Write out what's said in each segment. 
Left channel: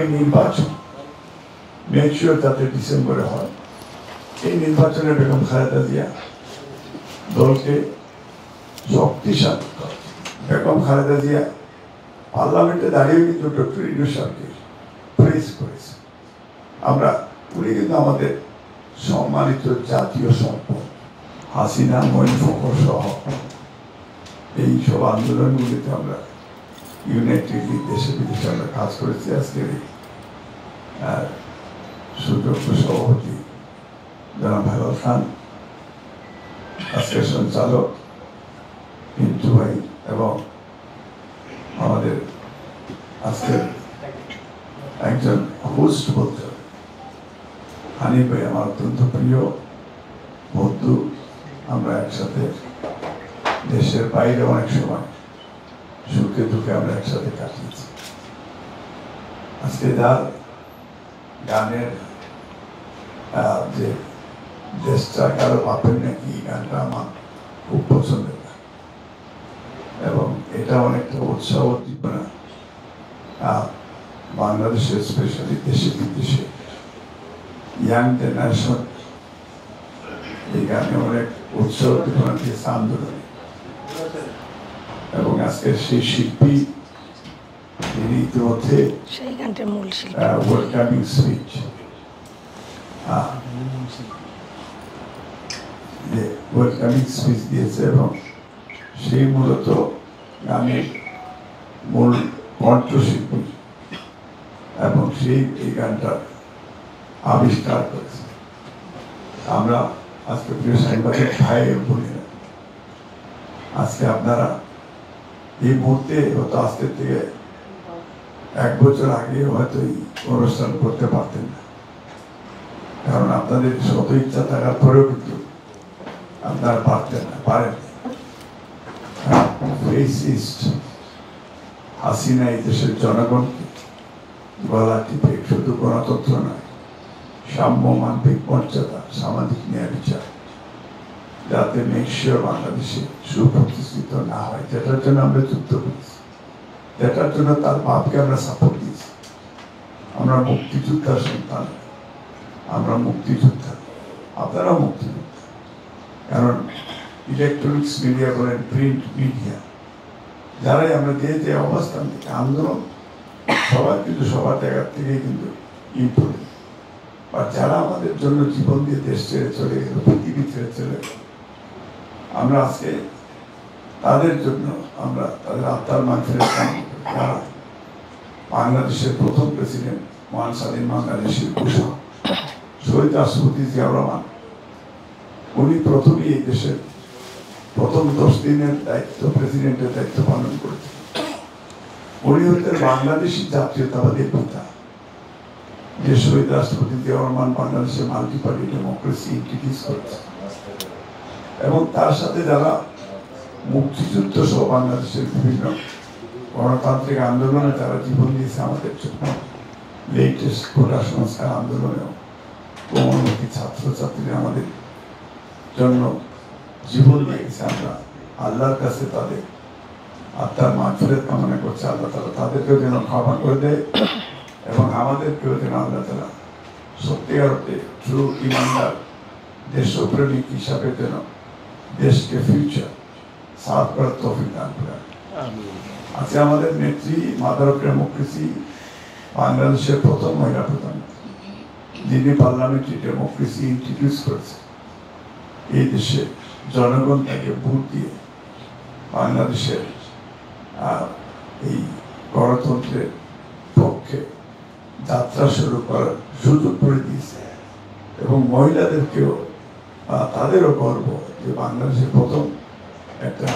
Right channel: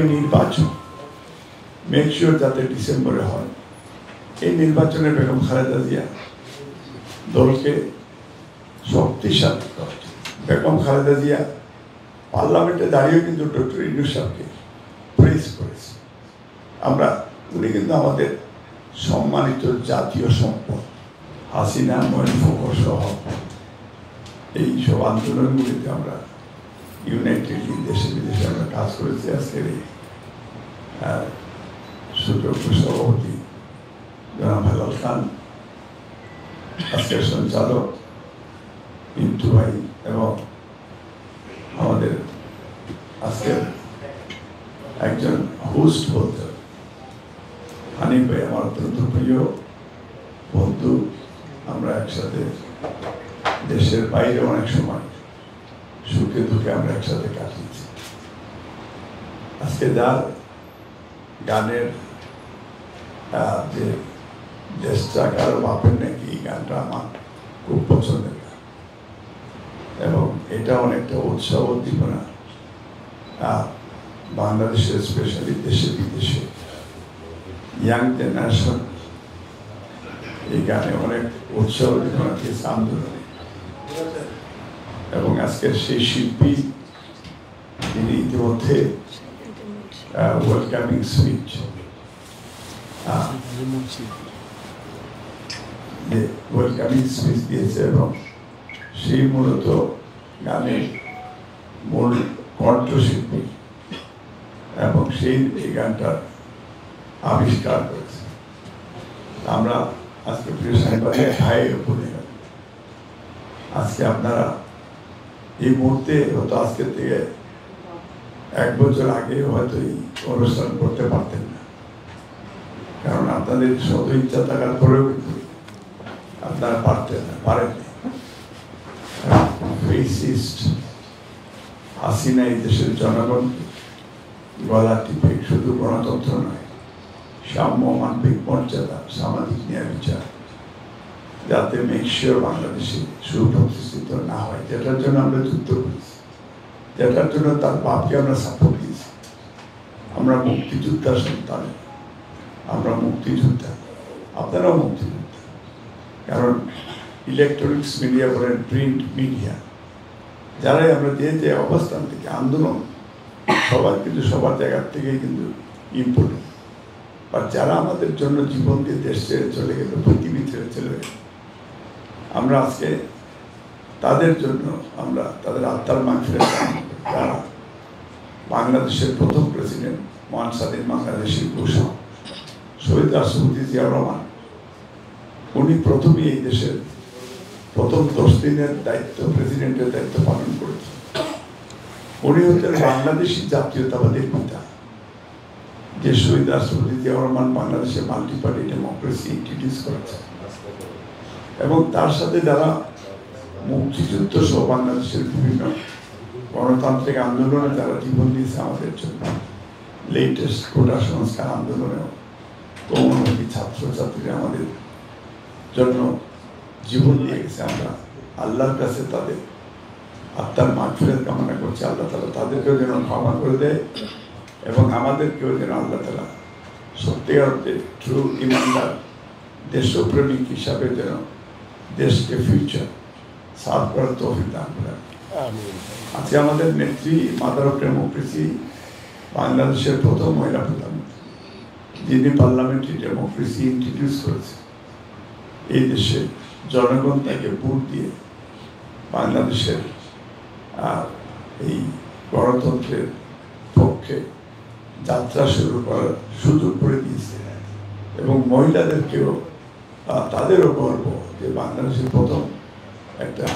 আগামী নির্বাচন make sure যাতে ডিসেম্বরে হয়। এই নির্বাচনে বেগম খালেদা জিয়া দলকে শক্তিশালী করে। বেগম খালেদা জিয়া পার্লামেন্টে দাঁড়িয়ে কিন্তু ডক্টর ইউনূস সাহেবকে প্রেস করেছে। উনি কিন্তু আমাদের সম্মানিত জাতীয় সম্পদ। হাসিনা, মঈন ফখর সহ এই সব আন্দোলনগুলিতে আমরা ইউনাইটেডলি দেশে বিদেশে আমরা কাজ করেছি। আজকের এই সুযোগ্য সভাপতি জনাব হেলাল খান, আজকের সঞ্চালক পিন্টু ভাই এবং আমাদের আজকের একজন হোস্ট বলতে হানিফ ভাই আমার অত্যন্ত প্রিয় বন্ধু। আমরা একসাথে দেশের বাইরে অনেক সময় সুখে দুঃখে আমরা একসাথে কাটিয়েছি। আজকে যার গানের যে দেশটা কারো বাপের নাকি গানটা আমার খুব পছন্দের এবং এটা অনেকটা উৎসাহ উদ্দীপনা বাংলাদেশে স্পেশালি দেশে বিদেশে ইয়াং জেনারেশন এই গানে অনেক উৎসাহ উদ্দীপনা দিয়েছে আন্দোলনে। এবং আজকে সেই শিল্পী তিনি ইতিমধ্যে ওয়েলকামিং স্পিচ দিয়েছে এবং সেই মূলত গানের মূল কণ্ঠশিল্পী এবং সেই এই গানটার আবিষ্কার করেছে। আমরা আজকে প্রিয় সাংবাদিক ভাই বলে আজকে আপনারা এই মুহূর্তে হয়তো আজকে থেকে 1 বছর আগে হয়তো এই অনুষ্ঠান করতে পারতেন না, কারণ আপনাদের শত ইচ্ছা থাকার পরেও কিন্তু আপনারা পারেন। হাসিনা এই দেশের জনগণকে গলা টিপে শুধু গণতন্ত্র নয়, সাম্য, মানবিক মর্যাদা, সামাজিক ন্যায় বিচার যাতে মেক শিওর বাংলাদেশে সুপ্রতিষ্ঠিত না হয়, যেটার জন্য আমরা যুদ্ধ করেছি, যেটার জন্য তার বাপকে আমরা সাপোর্ট দিয়েছি। আমরা মুক্তিযোদ্ধার সন্তান, আমরা মুক্তিযোদ্ধা, আপনারা মুক্তিযোদ্ধা। কারণ ইলেকট্রনিক্স মিডিয়া বলেন, প্রিন্ট মিডিয়া, যারাই আমরা যে অবস্থান থেকে আন্দোলন সবার কিন্তু সবার জায়গার থেকে কিন্তু ইম্পর্টেন্ট, বা যারা আমাদের জন্য জীবন দিয়ে দেশ ছেড়ে চলে গেল, পৃথিবী ছেড়ে চলে গেল, আমরা আজকে তাদের জন্য আমরা তাদের আত্মার মাগফিরাত কামনা করি। তারা বাংলাদেশের প্রথম প্রেসিডেন্ট মহান স্বাধীন বাংলাদেশী ভূষণ শহীদ রাষ্ট্রপতি জিয়াউর রহমান, উনি প্রথমেই এই দেশের প্রথম 10 দিনের দায়িত্ব, প্রেসিডেন্টের দায়িত্ব পালন করেছেন। উনি হচ্ছেন বাংলাদেশি জাতীয়তাবাদের পিতা। যে শহীদ রাষ্ট্রপতি জিয়াউর রহমান বাংলাদেশে মাল্টি পার্টি ডেমোক্রেসি ইন্ট্রোডিউস করেছে এবং তার সাথে যারা মুক্তিযুদ্ধ সহ বাংলাদেশের বিভিন্ন গণতান্ত্রিক আন্দোলনে যারা জীবন দিয়েছে আমাদের জন্য, লেটেস্ট কোটা সংস্কার আন্দোলনে কোমলমতি ছাত্রছাত্রীরা আমাদের জন্য জীবন দিয়ে গেছে। আমরা আল্লাহর কাছে তাদের আত্মার মাগফিরাত কামনা করছি। আল্লাহ তাআলা তাদেরকেও যেন ক্ষমা করে দেয় এবং আমাদেরকেও যেন আল্লাহ তাআলা সত্যিকার অর্থে ট্রু ইমানদার দেশপ্রেমিক হিসাবে যেন দেশকে ফিউচার সাফ করার তৌফিক দান করে। আজকে আমাদের নেত্রী, মাদার অফ ডেমোক্রেসি, বাংলাদেশের প্রথম মহিলা প্রধানমন্ত্রী, যিনি পার্লামেন্টারি ডেমোক্রেসি ইন্ট্রোডিউস করেছে। এই দেশে জনগণ তাকে ভোট দিয়ে বাংলাদেশের এই গণতন্ত্রের পক্ষে যাত্রা শুরু করার সুযোগ করে দিয়েছে এবং মহিলাদেরকেও তাদেরও গর্ব যে বাংলাদেশের প্রথম একটা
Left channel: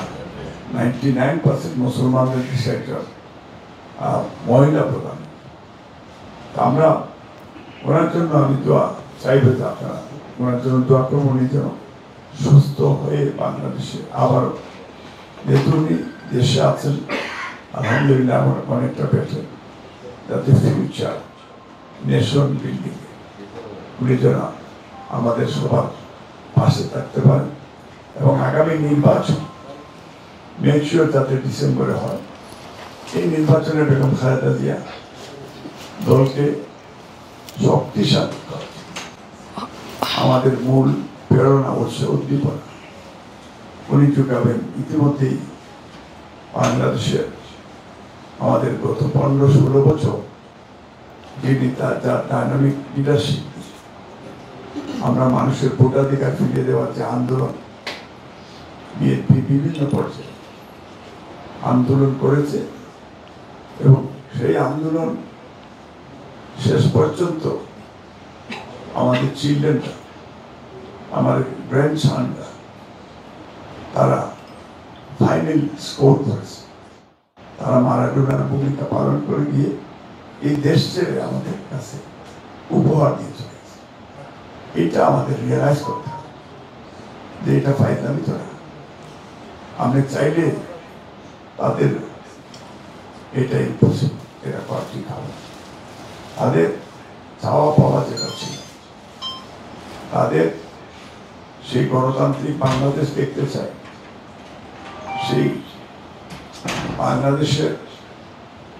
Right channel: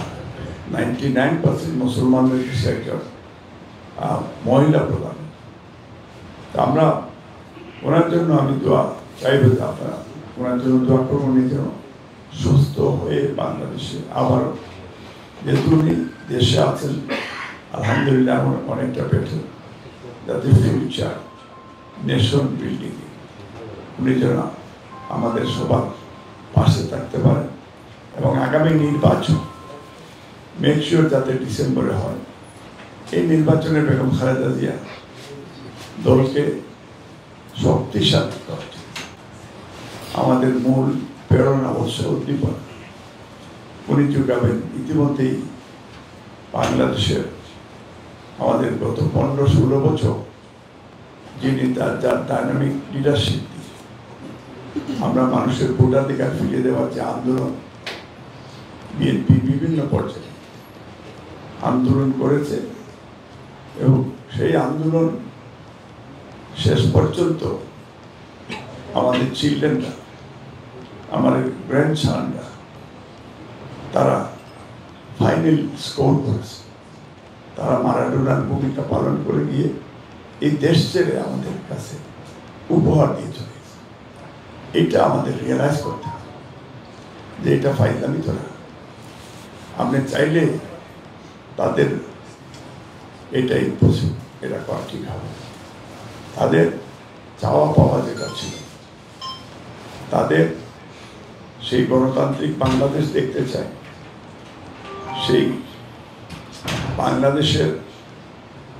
99% মুসলমানদের দেশে একটা মহিলা প্রধান। আমরা ওনার জন্য আমি দোয়া চাইবে, আপনারা ওনার জন্য দোয়া করবো, উনি যেন সুস্থ হয়ে বাংলাদেশে আবার, যেহেতু উনি দেশে আছেন আলহামদুলিল্লাহ আমার অনেকটা বেটার, যাতে ফিউচার নেশন বিল্ডিং উনি যেন আমাদের সবার পাশে থাকতে পারেন এবং আগামী নির্বাচন মেক শিওর যাতে ডিসেম্বরে হয়। এই নির্বাচনে বেগম খালেদা জিয়া দলকে শক্তিশালী করা আমাদের মূল প্রেরণা উৎস উদ্দীপনা। উনি যোগাবেন ইতিমধ্যেই বাংলাদেশের আমাদের গত 15-16 বছর যিনি তার ডাইনামিক লিডারশিপ, আমরা মানুষের ভোটাধিকার ফিরিয়ে দেওয়ার যে আন্দোলন, বিএনপি বিভিন্ন পর্যায়ে আন্দোলন করেছে এবং সেই আন্দোলন শেষ পর্যন্ত আমাদের চিলড্রেনরা, আমাদের গ্র্যান্ডসনরা তারা ফাইনাল স্কোর করেছে। তারা মারাডোনার ভূমিকা পালন করে গিয়ে এই দেশ ছেড়ে আমাদের কাছে উপহার দিয়ে চলে গেছে। এটা আমাদের রিয়েলাইজ করতে হবে যে এটা ফাইনালি ধরা। আমি চাইলে তাদের এটা ইম্পসিবল, এটা করা ঠিক হবে। তাদের চাওয়া পাওয়া যেটা ছিল, তাদের সেই গণতান্ত্রিক বাংলাদেশ দেখতে চায়, সেই বাংলাদেশের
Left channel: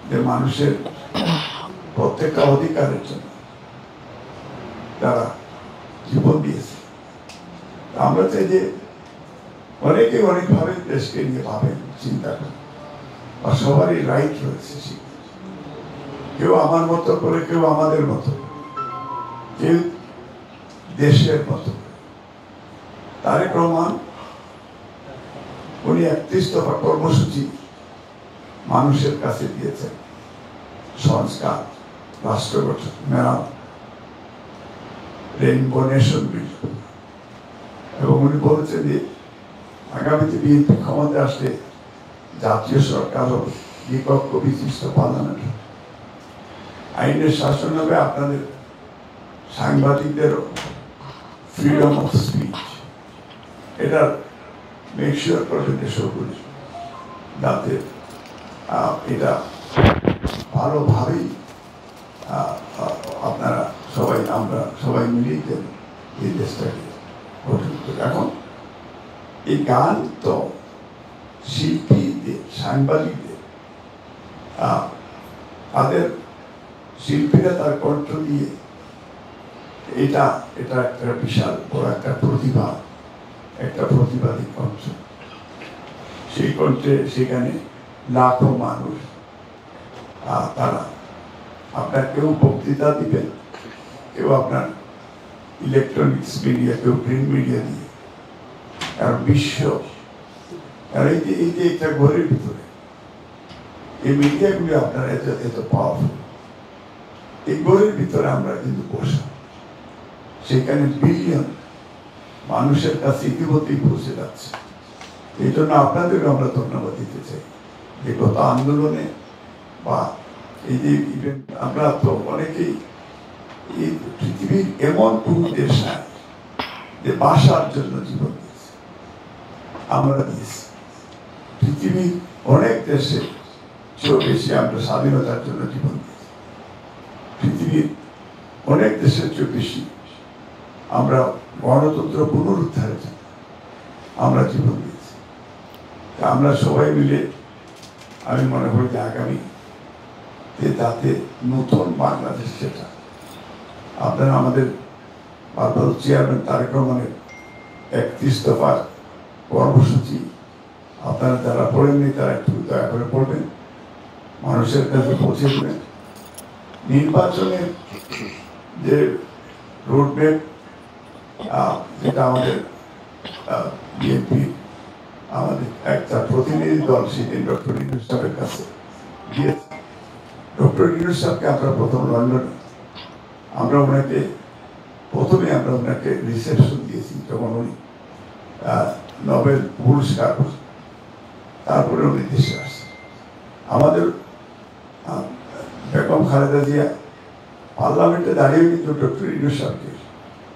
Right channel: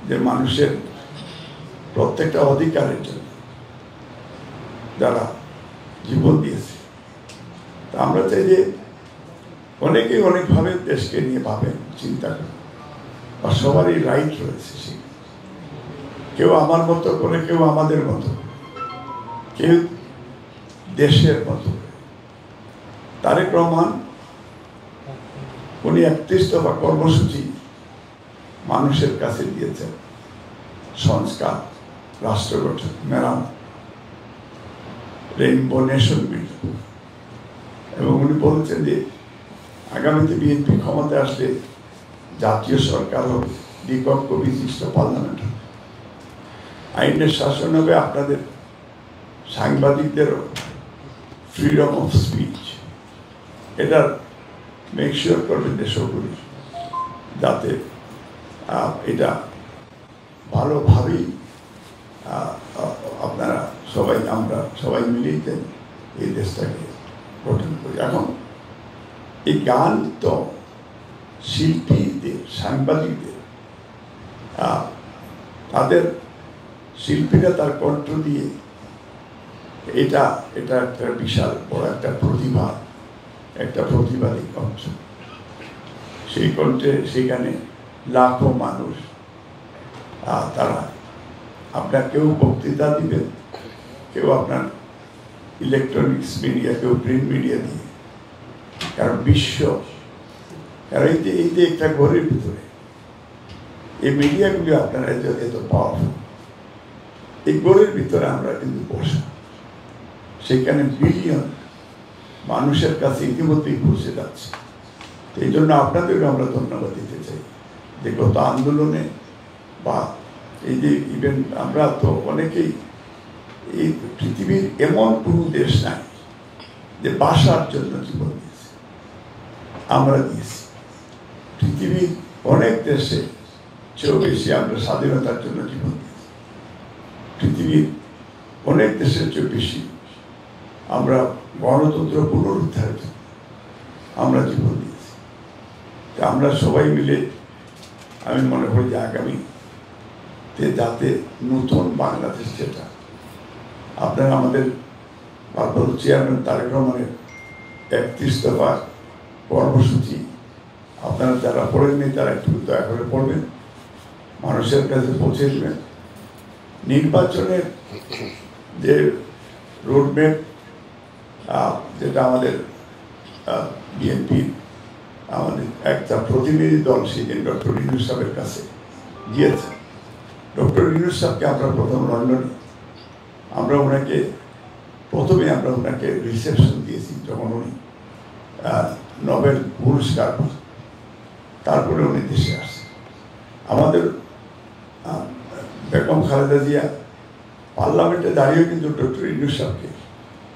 যে মানুষের প্রত্যেকটা অধিকারের জন্য যারা জীবন দিয়েছে। আমরা চাই যে অনেকে অনেকভাবে দেশকে নিয়ে ভাবে, চিন্তা করে, আর সবারই রাইট রয়েছে। কেউ আমার মতো করে, কেউ আমাদের মতো, কেউ দেশের মতো। তারেক রহমান উনি 31 দফা কর্মসূচি মানুষের কাছে দিয়েছেন, সংস্কার, রাষ্ট্র গঠন, মেরামত, রেইনবো নেশন বিল। এবং উনি বলেছেন যে আগামীতে বিএনপি ক্ষমতা আসলে জাতীয় সরকার হবে, দ্বিপক্ষ বিশিষ্ট পার্লামেন্ট হবে, আইনের শাসন হবে, আপনাদের সাংবাদিকদেরও ফ্রিডম অফ স্পিচ, এটার মেকশিওর করবে দেশগুলো যাতে এটা ভালোভাবেই আপনারা সবাই, আমরা সবাই মিলেই এই দেশটাকে গঠন করি। এখন এই গান তো শিল্পীদের, সাংবাদিকদের, তাদের শিল্পীরা তার কণ্ঠ দিয়ে এটা একটা বিশাল বড় একটা প্রতিভা, একটা প্রতিবাদী কণ্ঠ। সেই কণ্ঠে সেখানে লাখো মানুষ, তারা আপনার কেউ বক্তৃতা দিবেন, কেউ আপনার ইলেকট্রনিক্স মিডিয়া, কেউ প্রিন্ট মিডিয়া দিয়ে, কারণ বিশ্ব, কারণ এই যে একটা ঘরের ভিতরে এই মিডিয়াগুলি আপনারা এত পাওয়ারফুল, এই ঘরের ভিতরে আমরা কিন্তু বসা, সেখানে বিলিয়ন মানুষের কাছে ইতিমধ্যেই পৌঁছে যাচ্ছে। এই জন্য আপনাদেরকে আমরা ধন্যবাদ দিতে চাই যে গত আন্দোলনে বা এই যে ইভেন আমরা তো অনেকেই এই পৃথিবীর এমন কোন দেশ নাই যে বাসার জন্য জীবন দিয়েছে, আমরা দিয়েছি। পৃথিবীর অনেক দেশে চেয়েও বেশি আমরা স্বাধীনতার জন্য জীবন দিয়েছি। পৃথিবীর অনেক দেশের চেয়েও বেশি আমরা গণতন্ত্র পুনরুদ্ধারের জন্য আমরা জীবন দিয়েছি। আমরা সবাই মিলে আমি মনে করি যে আগামীতে যাতে নতুন বাংলাদেশ, যেটা আপনারা আমাদের ভারপ্রাপ্ত চেয়ারম্যান তারেক রহমানের 31 দফার কর্মসূচি আপনারা যারা পড়েননি তারা একটু দয়া করে পড়বেন, মানুষের কাছে পৌঁছে দেবেন। নির্বাচনের যে রোডম্যাপ, যেটা আমাদের বিএনপির আমাদের একটা প্রতিনিধি দল সেদিন ডক্টর ইউনূস সাহেবের কাছে গিয়েছে। ডক্টর ইউনূস সাহেবকে আমরা প্রথম লন্ডনে আমরা ওনাকে রিসেপশন দিয়েছি যখন উনি নোবেল পুরস্কার, তারপরে উনি দেশে আসছেন। আমাদের বেগম খালেদা জিয়া পার্লামেন্টে দাঁড়িয়ে কিন্তু ডক্টর ইউনূস সাহেবকে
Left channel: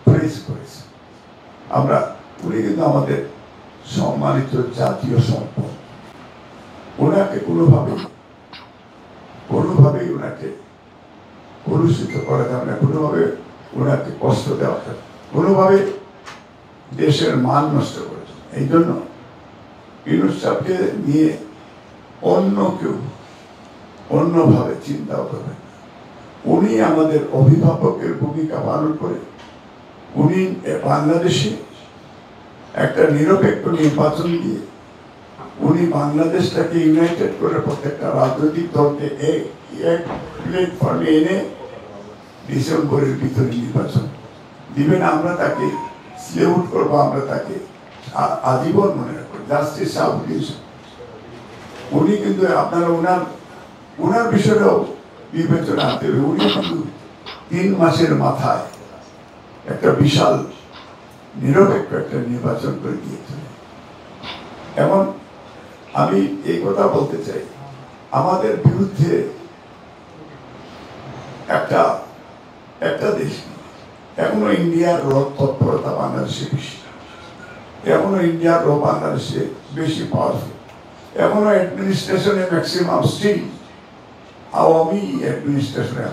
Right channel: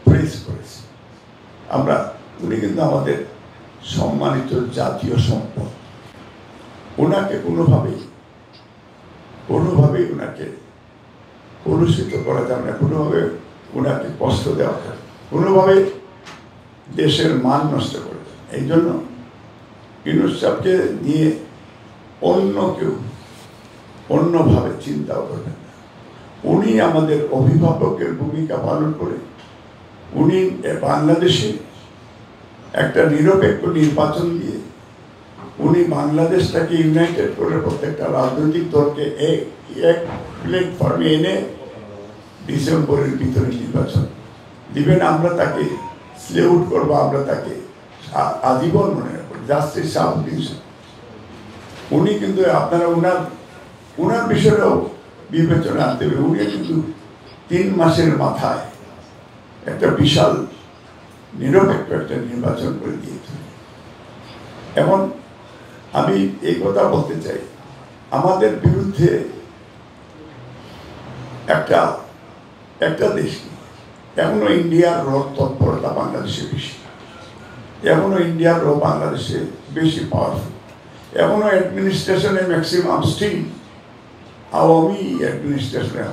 প্রেস করেছে। উনি কিন্তু আমাদের সম্মানিত জাতীয় সম্পদ, ওনাকে কোনোভাবেই ওনাকে কলুষিত করা যাবে না, কোনোভাবে ওনাকে কষ্ট দেওয়া যাবে, কোনোভাবে দেশের মান নষ্ট করে। এই জন্য ইউনূস সাহেবকে নিয়ে অন্য কেউ অন্যভাবে চিন্তাও করবেন না। উনি আমাদের অভিভাবকের ভূমিকা পালন করে উনি বাংলাদেশে একটা নিরপেক্ষ নির্বাচন দিয়ে উনি বাংলাদেশটাকে ইউনাইটেড করে প্রত্যেকটা রাজনৈতিক দলকে এক প্ল্যাটফর্মে এনে ডিসেম্বরের ভিতরে নির্বাচন দিবেন। আমরা তাকে স্লেউট করবো, আমরা তাকে আজীবন মনে রাখবো। জাস্টিস শাহবুদ্দিন উনি কিন্তু আপনারা ওনার বিষয়টাও বিবেচনা করতে হবে। উনি কিন্তু 3 মাসের মাথায় একটা বিশাল নিরপেক্ষ একটা নির্বাচন করে দিয়েছে। এখন আমি এই কথা বলতে চাই, আমাদের বিরুদ্ধে একটা দেশ এখনো ইন্ডিয়ার তৎপরতা বাংলাদেশে বেশি, এখনো ইন্ডিয়ার বাংলাদেশে বেশি পাওয়ারফুল, এখনো অ্যাডমিনিস্ট্রেশনে ম্যাক্সিমাম স্টিল আওয়ামী অ্যাডমিনিস্ট্রেশনে